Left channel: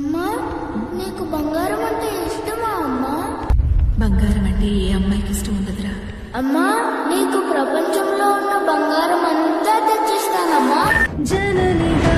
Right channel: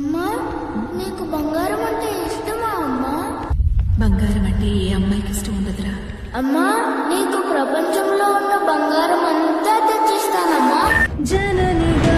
అమ్మా నీకు బంగారం అంటే ఇష్టమా అమ్మా? బంగారం అంటే ఏ అమ్మాయికి ఇష్టం ఉండదురా. అమ్మా నీకు ప్రపంచంలో ఉన్న బంగారం అంతా తెచ్చిస్తానమ్మా. జననిగా